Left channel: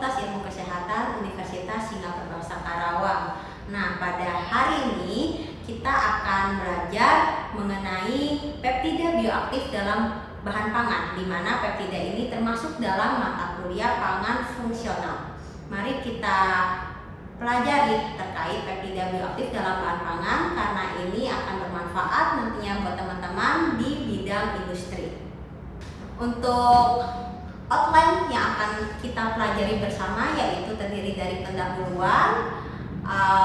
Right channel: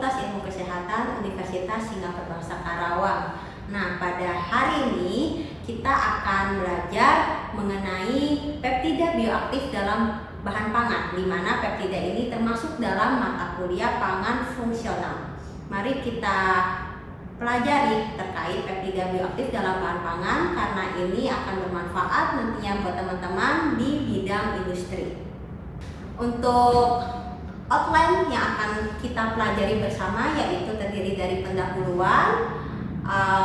Fakultas Ilmu Kesehatan Universitas Singapura Bangsa Karawang. Nah, pada hari ini kita akan belajar mengenai peptida bioaktif dalam bahan pangan, di mana peptida ini termasuk dalam mata kuliah pangan fungsional. Mari kita pelajari terkait peptida bioaktif dalam bahan pangan, karena ini akan bermanfaat nantinya buat teman-teman di bidang industri. Untuk outline yang akan kita pelajari bersama yaitu terdiri dari pendahuluan.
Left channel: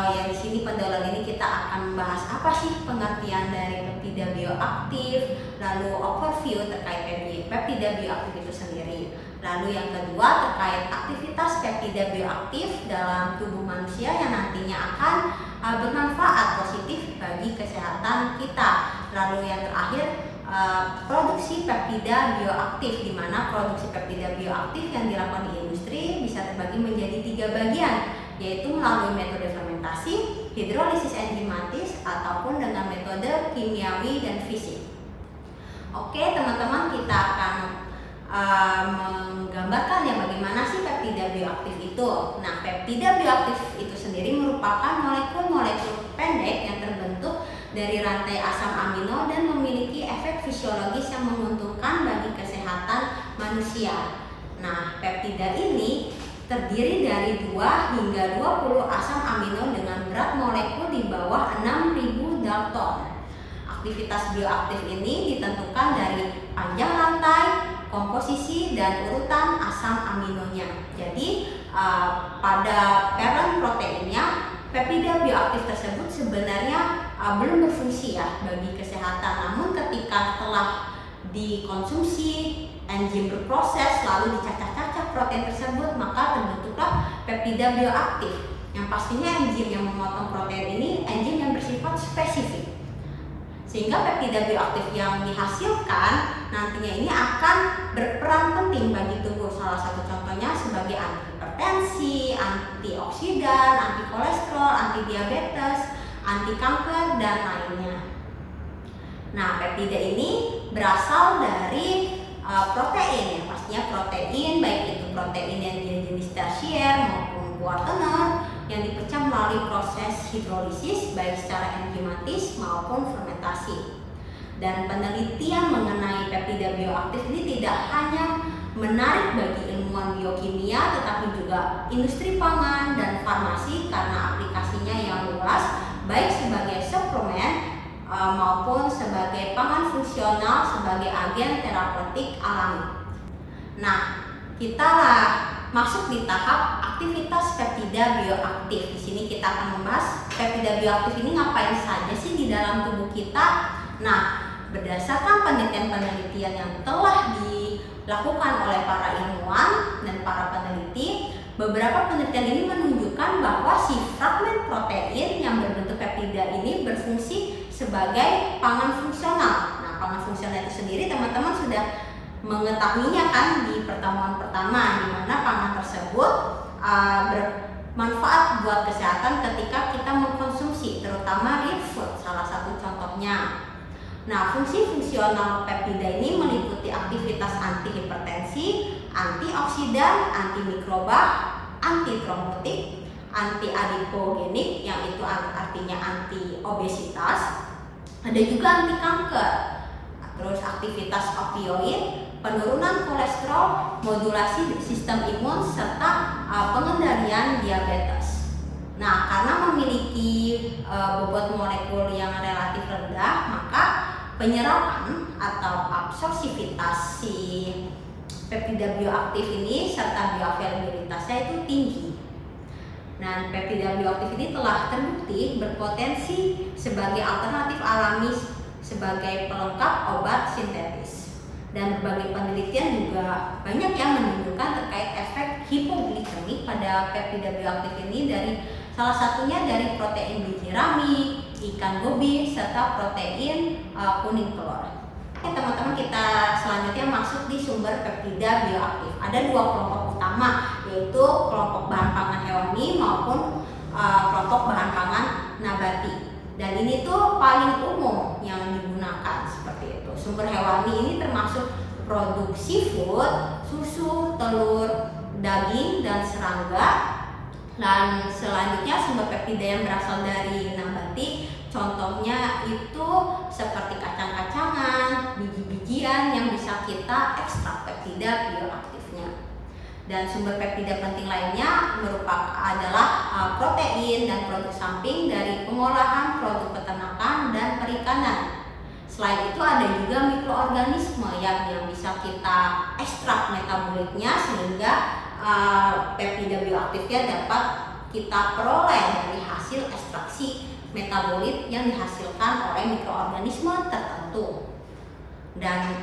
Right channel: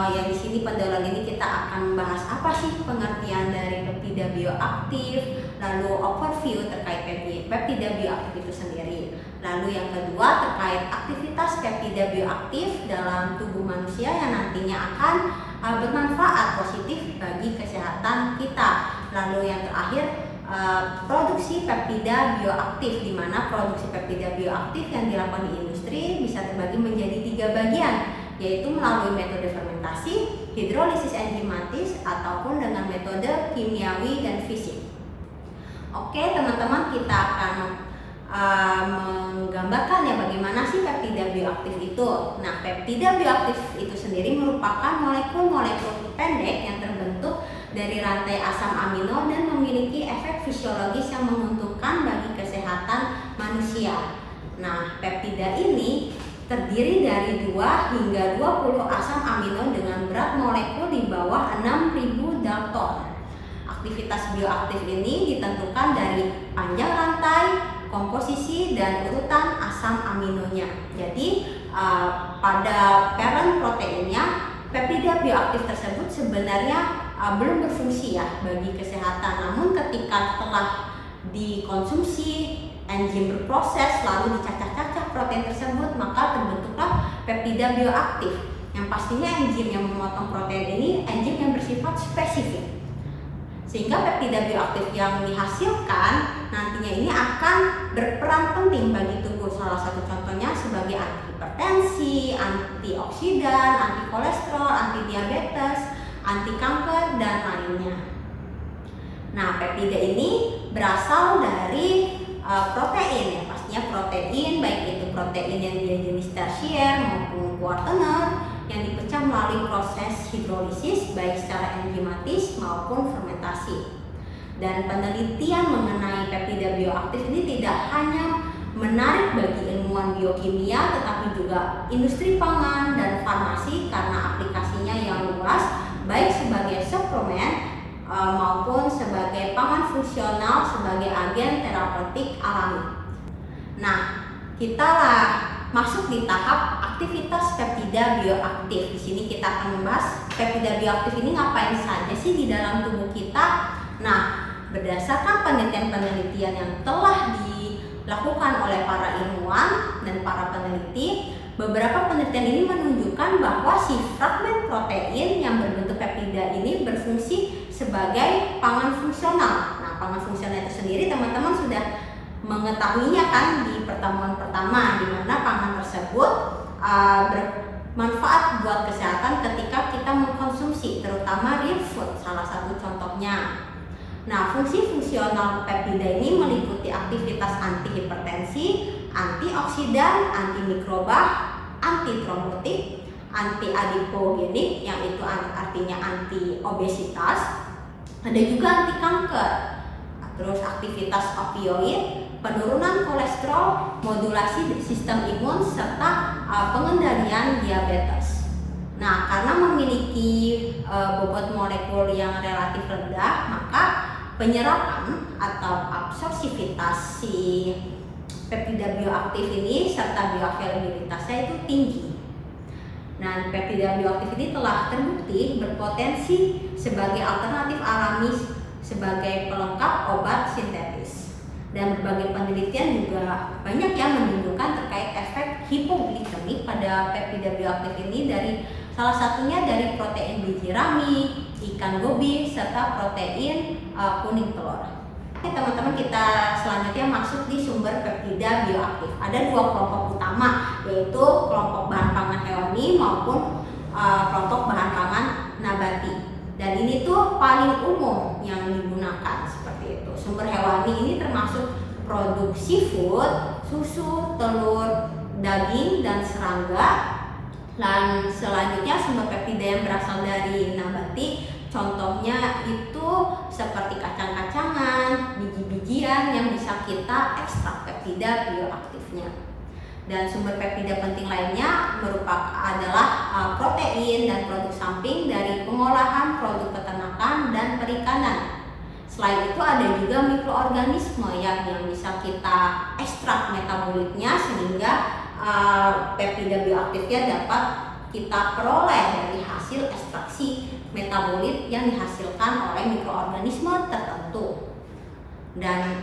Yang di sini pendahuluan ini kita akan membahas apa sih pengertian dari peptida bioaktif, lalu overview terkait peptida bioaktif itu sendiri. Lalu yang kedua terkait aktivitas peptida bioaktif dalam tubuh manusia yang nantinya akan bermanfaat positif bagi kesehatan kita. Lalu yang terakhir produksi peptida bioaktif, di mana produksi peptida bioaktif yang dilakukan di industri bisa terbagi menjadi 3 bagian, yaitu melalui metode fermentasi, hidrolisis enzimatis, ataupun dengan metode kimiawi dan fisik. Oke teman-teman, kita akan menggambarkan ya bagaimana sih peptida bioaktif itu. Nah, peptida bioaktif itu sendiri merupakan molekul-molekul pendek yang terbentuk dari rantai asam amino dan memiliki efek fisiologis yang menguntungkan bagi kesehatan manusia. Nah, peptida ini terdiri dari 2 hingga 20 asam amino dengan berat molekul di bawah 6.000 dalton. Aktivitas bioaktif ini ditentukan dari panjang rantai, komposisi, dan urutan asam aminonya. Jadi pada parent proteinnya, peptida bioaktif tersebut sebenarnya belum berfungsi ya bagi kesehatan. Namun ketika telah dikonsumsi, enzim berproses lalu dicacah-cacah protein tersebut, maka terbentuklah peptida bioaktif. Yang pastinya enzim yang memotong protein ini enzim yang bersifat spesifik, sehingga peptida bioaktif yang dihasilkan nantinya ini akan berperan penting bagi tubuh. Salah satu contohnya sebagai antihipertensi, antioksidan, anti kolesterol, anti diabetes, anti kanker, dan lainnya. Nah, peptida ini berasal dari protein ya, pastinya protein, baik itu protein yang dia jenis tersier maupun kuartener yang dipecah melalui proses hidrolisis baik secara enzimatis maupun fermentasi. Dan penelitian mengenai peptida bioaktif ini tidak hanya menarik bagi ilmuwan biokimia, tetapi juga industri pangan dan farmasi karena aplikasinya yang luas, baik sebagai suplemen maupun sebagai pangan fungsional sebagai agen terapeutik alami. Nah, kita masuk di tahap aktivitas peptida bioaktif. Di sini kita akan membahas peptida bioaktif ini ngapain saja sih di dalam tubuh kita. Nah, berdasarkan penelitian-penelitian yang telah dilakukan oleh para ilmuwan dan para peneliti, beberapa penelitian ini menunjukkan bahwa si fragmen protein yang berbentuk peptida ini berfungsi sebagai pangan fungsional. Nah, pangan fungsional itu sendiri teman-teman sudah mengetahuinya kan di pertemuan pertama, di mana pangan tersebut bermanfaat buat kesehatan ketika kita mengkonsumsi, terutama real food, salah satu contohnya. Nah, fungsi fungsional peptida ini meliputi aktivitas antihipertensi, antioksidan, antimikroba, antitrombotik, anti-adipogenik yang itu artinya anti obesitas, ada juga anti kanker. Terus aktivitas opioid, penurunan kolesterol, modulasi sistem imun, serta pengendalian diabetes. Nah, karena memiliki bobot molekul yang relatif rendah, maka penyerapan atau absorpsivitas si peptida bioaktif ini serta bioavailabilitasnya itu tinggi. Nah, peptida bioaktif ini telah terbukti berpotensi sebagai alternatif alami sebagai pelengkap obat sintetis. Dan berbagai penelitian juga banyak yang menunjukkan terkait efek hipoglikemik pada peptida bioaktif ini, dari salah satunya dari protein biji rami, ikan gobi, serta protein kuning telur. Oke teman-teman, kita selanjutnya masuk di sumber peptida bioaktif. Ada 2 kelompok utama, yaitu kelompok bahan pangan hewani maupun kelompok bahan pangan nabati. Dan ini tuh paling umum yang digunakan seperti itu. Sumber hewani ini termasuk produk seafood, susu, telur, daging dan serangga. Dan selanjutnya sumber peptida yang berasal dari nabati, contohnya itu seperti kacang-kacangan, biji-bijian yang bisa kita ekstrak peptida bioaktifnya. Dan sumber peptida penting lainnya adalah protein dan produk samping dari pengolahan produk peternakan dan perikanan. Selain itu ada juga mikroorganisme yang bisa kita ekstrak metabolitnya sehingga peptida bioaktifnya dapat kita peroleh dari hasil ekstraksi metabolit yang dihasilkan oleh mikroorganisme tertentu. Dan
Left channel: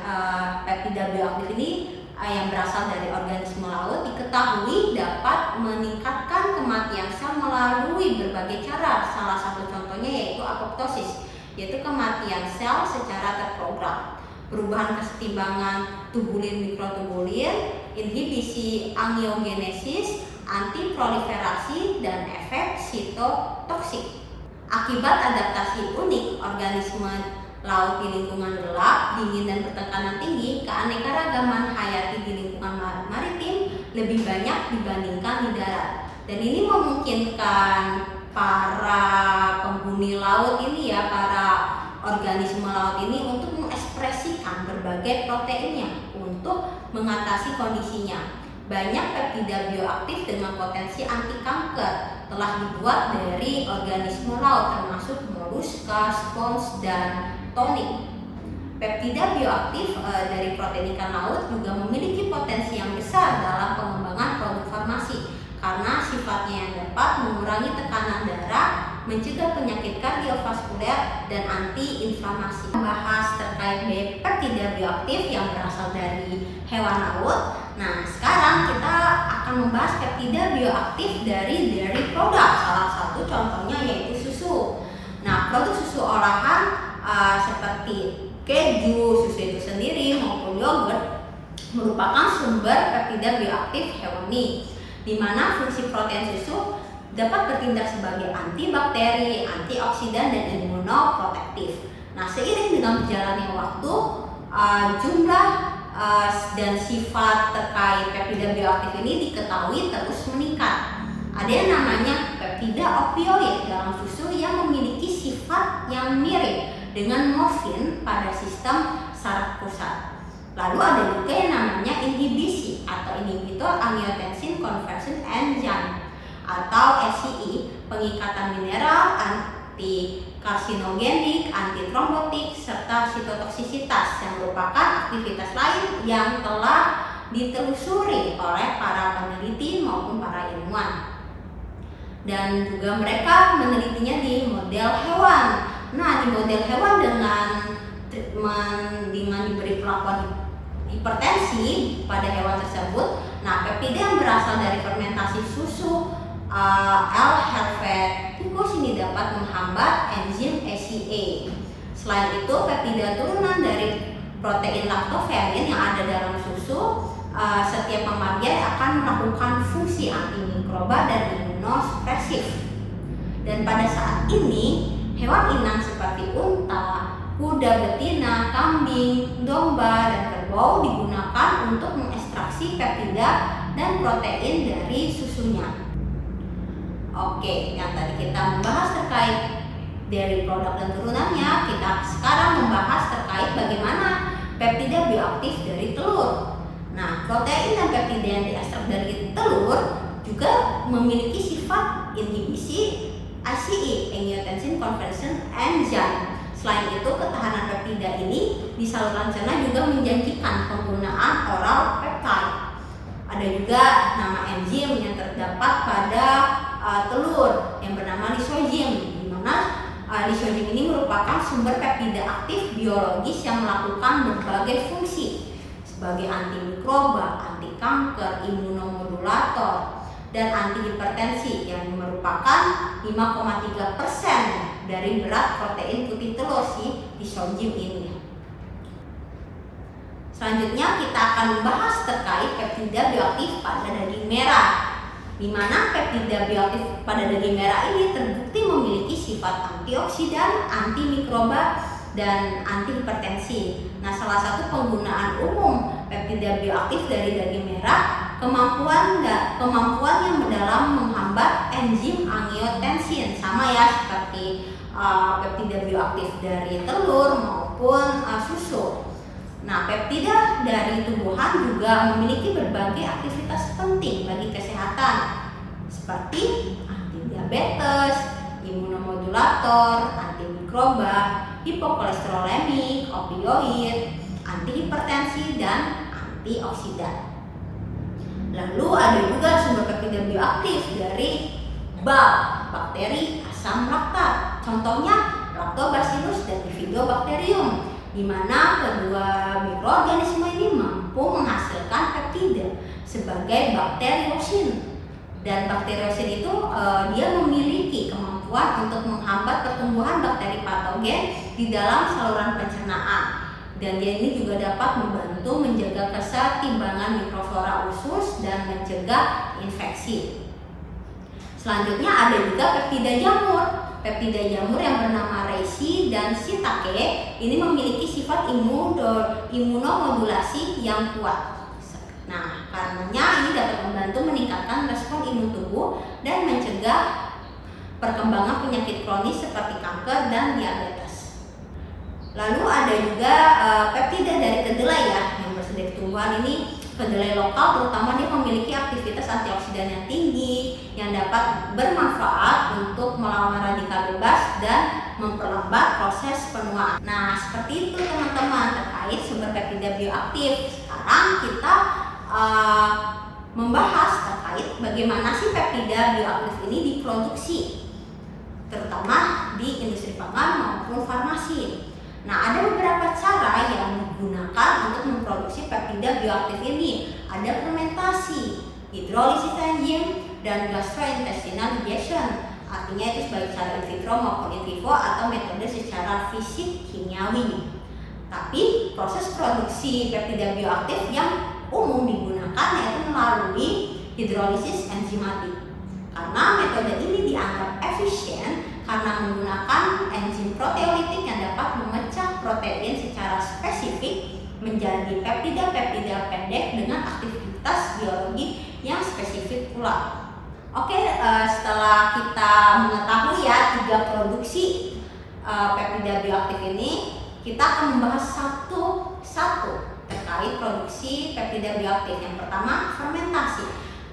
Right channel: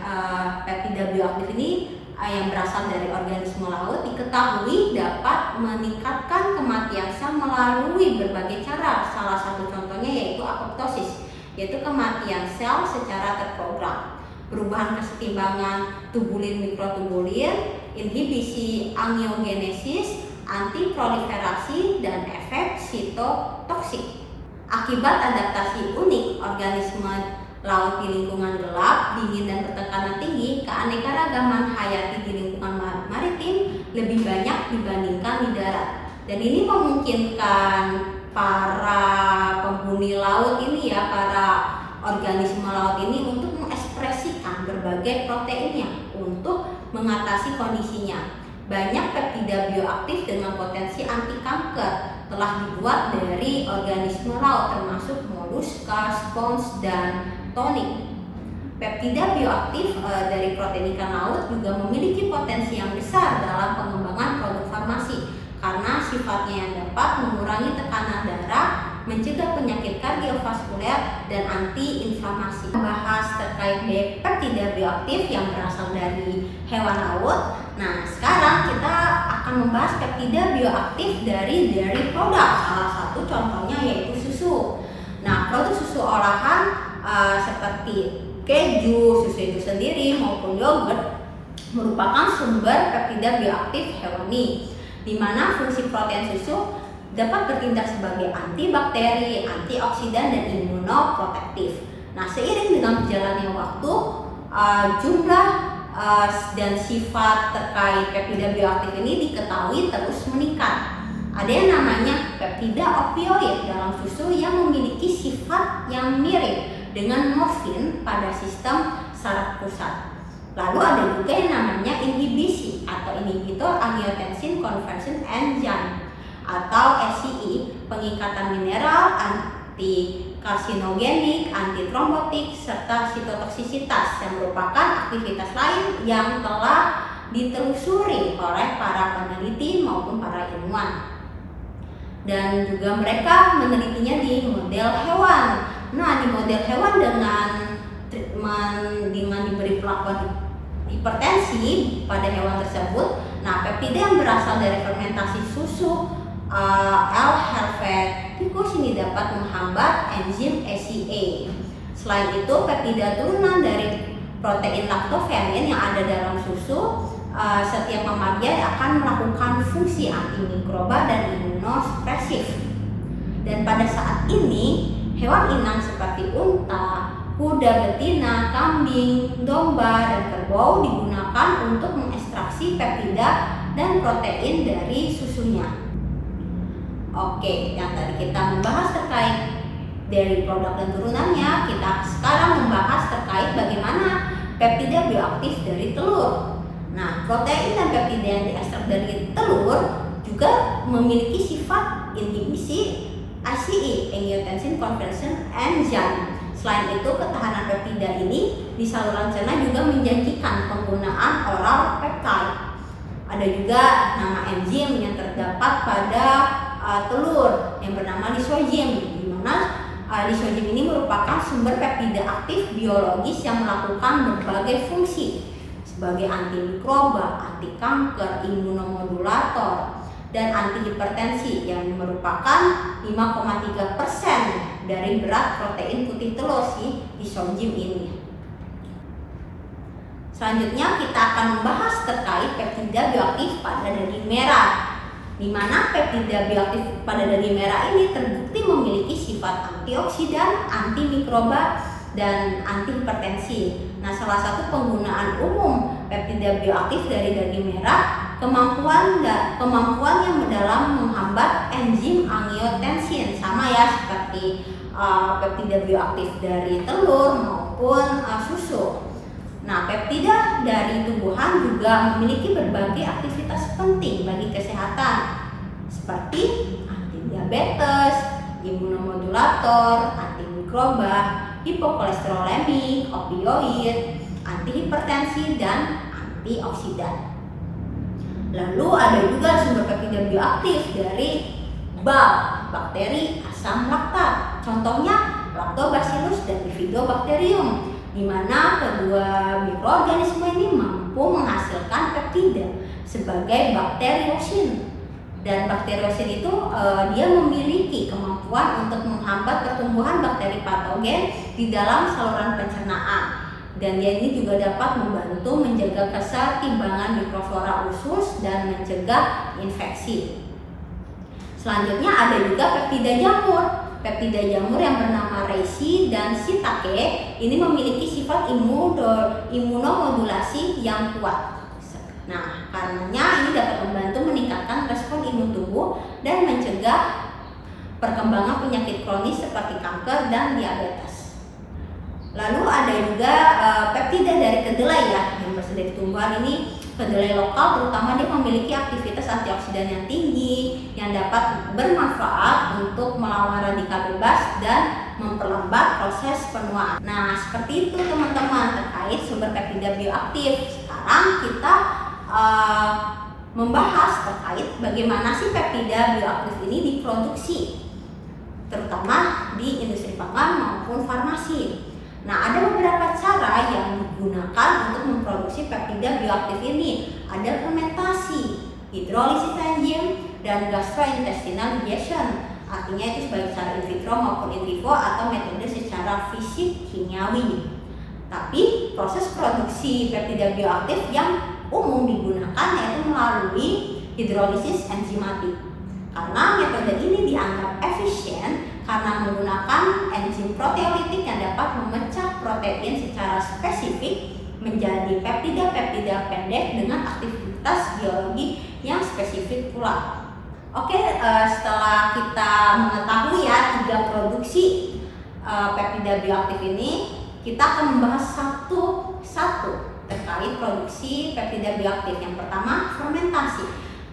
peptida bioaktif ini yang berasal dari organisme laut diketahui dapat meningkatkan kematian sel melalui berbagai cara. Salah satu contohnya yaitu apoptosis, yaitu kematian sel secara terprogram, perubahan kesetimbangan tubulin mikrotubulin, inhibisi angiogenesis, antiproliferasi, dan efek sitotoksik. Akibat adaptasi unik organisme laut di lingkungan gelap, dingin, dan bertekanan tinggi, keanekaragaman hayati di lingkungan maritim lebih banyak dibandingkan di darat. Dan ini memungkinkan para penghuni laut ini para organisme laut ini untuk mengekspresikan berbagai proteinnya untuk mengatasi kondisinya. Banyak peptida bioaktif dengan potensi anti kanker telah dibuat dari organisme laut termasuk moluska, spons, dan tonik. Peptida bioaktif dari protein ikan laut juga memiliki potensi yang besar dalam pengembangan produk farmasi karena sifatnya yang dapat mengurangi tekanan darah, mencegah penyakit kardiovaskuler, dan anti-inflamasi. Membahas terkait peptida bioaktif yang berasal dari hewan laut. Nah, sekarang kita akan membahas peptida bioaktif dari dairy product. Salah satu contohnya yaitu susu. Nah, produk susu olahan seperti keju, susu itu sendiri maupun yogurt merupakan sumber peptida bioaktif hewani, di mana fungsi protein susu dapat bertindak sebagai antibakteri, antioksidan, dan imunoprotektif. Nah, seiring dengan berjalannya waktu, jumlah dan sifat terkait peptida bioaktif ini diketahui terus meningkat. Ada yang namanya peptida opioid dalam susu yang memiliki sifat yang mirip dengan morfin pada sistem saraf pusat. Lalu ada juga yang namanya inhibisi atau inhibitor angiotensin conversion enzyme atau SCE, pengikatan mineral, anti-karsinogenik, antitrombotik, serta sitotoksisitas yang merupakan aktivitas lain yang telah ditelusuri oleh para peneliti maupun para ilmuwan. Dan juga mereka menelitinya di model hewan. Nah, di model hewan dengan diberi perlakuan hipertensi pada hewan tersebut, nah peptida yang berasal dari fermentasi susu L. helveticus ini dapat menghambat enzim ACE. Selain itu, peptida turunan dari protein lactoferrin yang ada dalam susu, setiap pemakaian akan melakukan fungsi antimikroba dan imunosupresif. Dan pada saat ini, hewan inang seperti unta, kuda betina, kambing, domba, dan kerbau digunakan untuk mengekstraksi peptida dan protein dari susunya. Oke, yang tadi kita membahas terkait dari produk dan turunannya, kita sekarang membahas terkait bagaimana peptida bioaktif dari telur. Nah, protein dan peptida yang diekstrak dari telur juga memiliki sifat inhibisi ACE, angiotensin conversion enzyme. Selain itu, ketahanan peptida ini di saluran cerna juga menjanjikan penggunaan oral peptide. Ada juga nama enzim yang terdapat pada telur yang bernama lisozim, di mana lisozim ini merupakan sumber peptida aktif biologis yang melakukan berbagai fungsi sebagai antimikroba, anti kanker, imunomodulator, dan antihipertensi yang merupakan 5,3% dari berat protein putih telur si lisozim ini. Selanjutnya kita akan membahas terkait peptida bioaktif pada daging merah, di mana peptida bioaktif pada daging merah ini terbukti memiliki sifat antioksidan, antimikroba, dan antihipertensi. Nah, salah satu penggunaan umum peptida bioaktif dari daging merah kemampuan yang dalam menghambat enzim angiotensin, sama ya seperti peptida bioaktif dari telur maupun susu. Nah, peptida dari tumbuhan juga memiliki berbagai aktivitas penting bagi kesehatan seperti antidiabetes, imunomodulator, antimikroba, hipokolesterolemik, opioid, antihipertensi, dan antioksidan. Lalu ada juga sumber peptida bioaktif dari bakteri asam laktat. Contohnya Lactobacillus dan Bifidobacterium, di mana kedua mikroorganisme ini mampu menghasilkan peptida sebagai bakteriosin. Dan bakteriosin itu dia memiliki kemampuan untuk menghambat pertumbuhan bakteri patogen di dalam saluran pencernaan. Dan dia ini juga dapat membantu menjaga keseimbangan mikroflora usus dan mencegah infeksi. Selanjutnya ada juga peptida jamur. Peptida jamur yang bernama reishi dan shiitake ini memiliki sifat imunomodulasi yang kuat. Nah, karenanya ini dapat membantu meningkatkan respon imun tubuh dan mencegah perkembangan penyakit kronis seperti kanker dan diabetes. Lalu ada juga peptida dari kedelai ya, yang berasal dari tumbuhan ini. Kedelai lokal terutama dia memiliki aktivitas antioksidan yang tinggi yang dapat bermanfaat untuk melawan radikal bebas dan memperlambat proses penuaan. Nah, seperti itu teman-teman terkait sumber peptida bioaktif. Sekarang kita membahas terkait bagaimana sih peptida bioaktif ini diproduksi, terutama di industri pangan maupun farmasi. Nah, ada beberapa cara yang digunakan untuk memproduksi peptida bioaktif ini. Ada fermentasi, hidrolisis enzim, dan gastrointestinal digestion. Artinya itu sebagai cara in vitro maupun in vivo atau metode secara fisik kimiawi. Tapi proses produksi peptida bioaktif yang umum digunakan yaitu melalui hidrolisis enzimatik. Karena metode ini dianggap efisien karena menggunakan enzim proteolitik yang dapat memecah protein secara spesifik menjadi peptida-peptida pendek dengan aktivitas biologi yang spesifik pula. Oke, setelah kita mengetahui ya 3 produksi peptida bioaktif ini, kita akan membahas satu-satu terkait produksi peptida bioaktif. Yang pertama, fermentasi.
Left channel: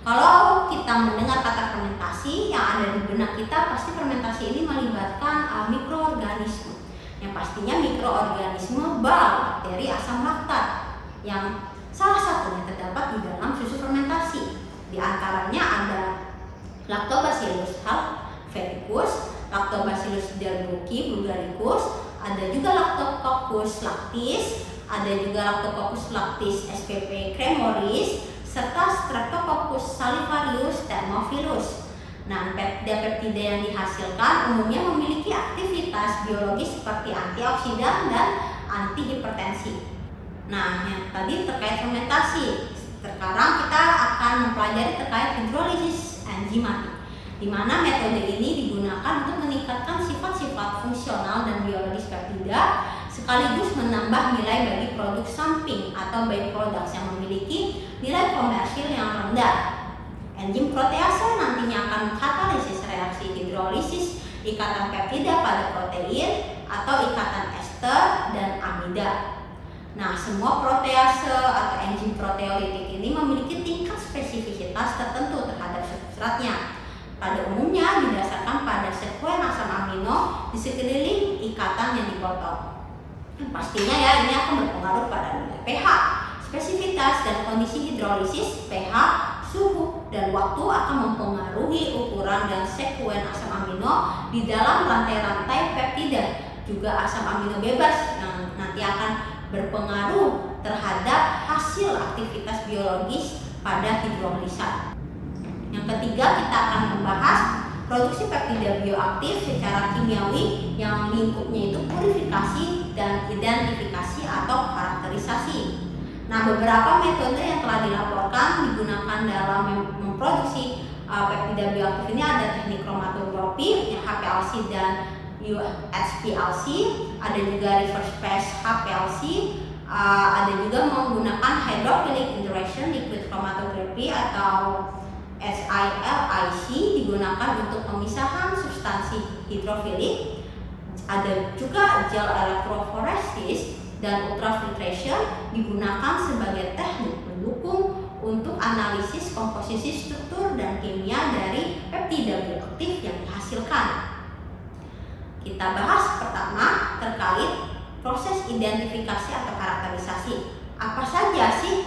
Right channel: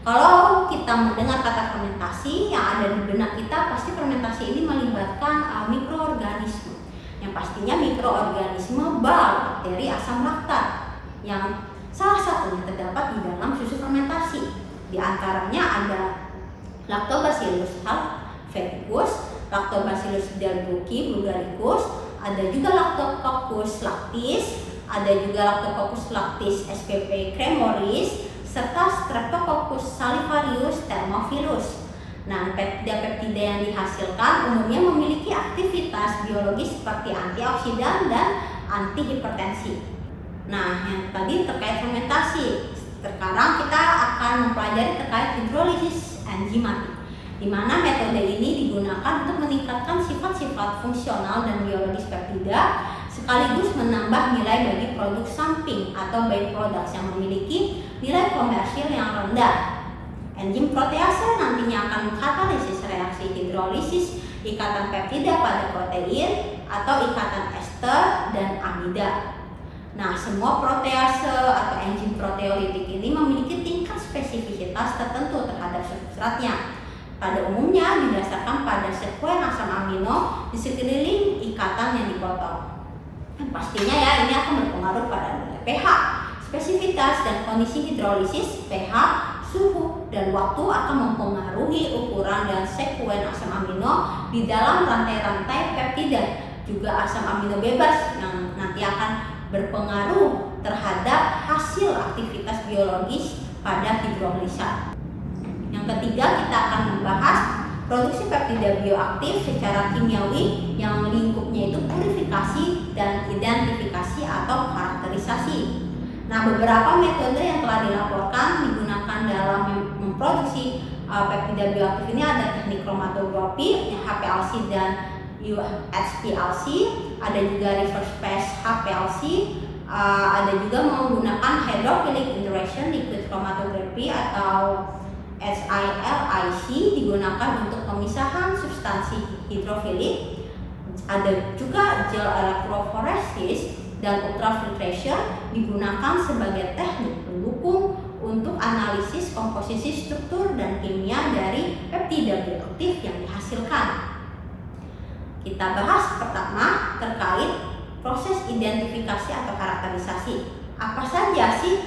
Kalau kita mendengar kata fermentasi, yang ada di benak kita pasti fermentasi ini melibatkan mikroorganisme. Yang pastinya mikroorganisme bakteri asam laktat yang salah satunya terdapat di dalam susu fermentasi. Di antaranya ada Lactobacillus helveticus, Lactobacillus delbrueckii bulgaricus, ada juga Lactococcus lactis, ada juga Lactococcus lactis spp cremoris, serta Streptococcus salivarius thermophilus. Nah, peptida-peptida yang dihasilkan umumnya memiliki aktivitas biologis seperti antioksidan dan antihipertensi. Nah, yang tadi terkait fermentasi. Sekarang kita akan mempelajari terkait hidrolisis enzimatik, di mana metode ini digunakan untuk meningkatkan sifat-sifat fungsional dan biologis peptida sekaligus menambah nilai bagi produk samping atau byproducts yang memiliki nilai komersil yang rendah. Enzim protease nantinya akan mengkatalisis reaksi hidrolisis ikatan peptida pada protein atau ikatan ester dan amida. Nah, semua protease atau enzim proteolitik ini memiliki tingkat spesifisitas tertentu terhadap substratnya. Pada umumnya didasarkan pada sekuen asam amino di sekeliling ikatan yang dipotong. Pastinya ya ini akan berpengaruh pada nilai pH, spesifitas dan kondisi hidrolisis, pH, suhu, dan waktu akan mempengaruhi ukuran dan sekuen asam amino di dalam rantai-rantai peptida. Juga asam amino bebas yang nanti akan berpengaruh terhadap hasil aktivitas biologis pada hidrolisat. Yang ketiga, kita akan membahas produksi peptida bioaktif secara kimiawi yang lingkupnya itu purifikasi dan identifikasi atau karakterisasi. Nah, beberapa metode yang telah dilaporkan digunakan dalam memproduksi peptida bioaktif ini ada teknik kromatografi, HPLC dan UHPLC, ada juga reverse phase HPLC, Ada juga menggunakan hydrophilic interaction liquid chromatography atau SILIC, digunakan untuk pemisahan substansi hidrofilik. Ada juga gel electrophoresis dan ultrafiltration, digunakan sebagai teknik pendukung untuk analisis komposisi struktur dan kimia dari peptida bioaktif yang dihasilkan. Kita bahas pertama terkait proses identifikasi atau karakterisasi. Apa saja sih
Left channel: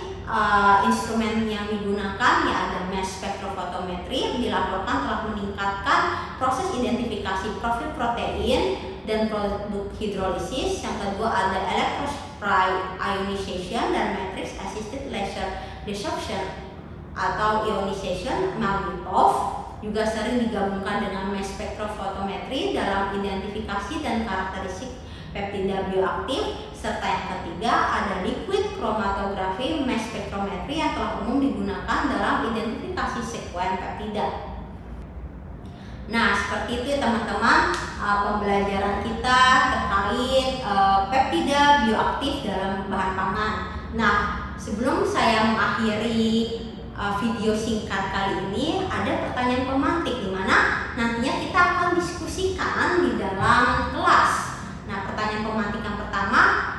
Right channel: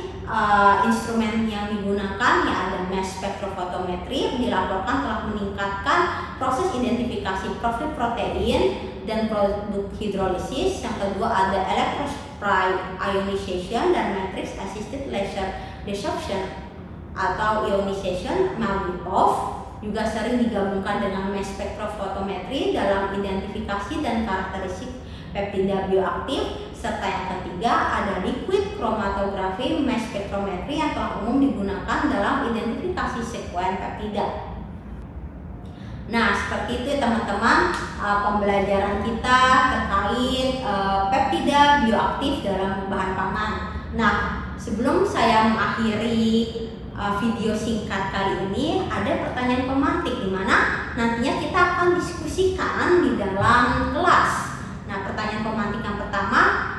instrumen yang digunakan? Ya, ada mass spectrophotometry, dilaporkan telah meningkatkan proses identifikasi profil protein dan produk hidrolisis. Yang kedua ada electrospray ionization dan matrix assisted laser desorption atau ionization Maldiv. Juga sering digabungkan dengan mass spectrophotometry dalam identifikasi dan karakteristik peptida bioaktif. Serta yang ketiga ada liquid chromatography mass spectrometry yang telah umum digunakan dalam identifikasi sekuen peptida. Nah, seperti itu ya teman-teman, pembelajaran kita terkait peptida bioaktif dalam bahan pangan. Nah, sebelum saya mengakhiri video singkat kali ini, ada pertanyaan pemantik di mana nantinya kita akan diskusikan di dalam kelas. Nah, pertanyaan pemantik yang pertama,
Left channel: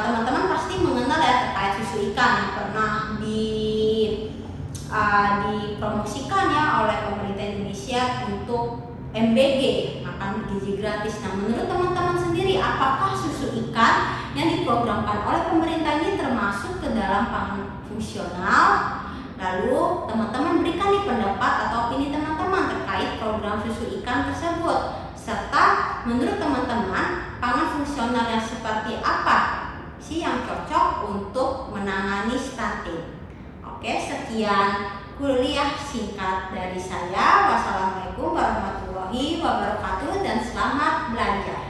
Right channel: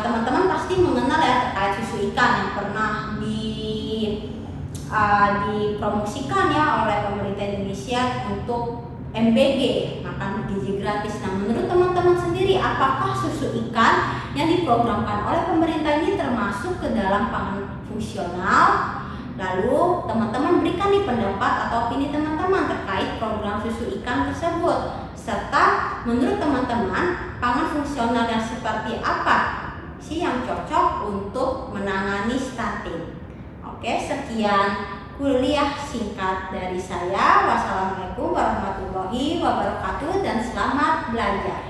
teman-teman pasti mengenal ya terkait susu ikan yang pernah dipromosikan ya oleh pemerintah Indonesia untuk MBG, makan gizi gratis. Nah, menurut teman-teman sendiri, apakah susu ikan yang diprogramkan oleh pemerintah ini termasuk ke dalam pangan fungsional? Lalu teman-teman berikan nih pendapat atau opini teman-teman terkait program susu ikan tersebut. Serta menurut teman-teman, pangan fungsional yang seperti apa sih yang cocok untuk menangani stunting? Oke, sekian kuliah singkat dari saya. Wassalamualaikum warahmatullahi wabarakatuh dan selamat belajar.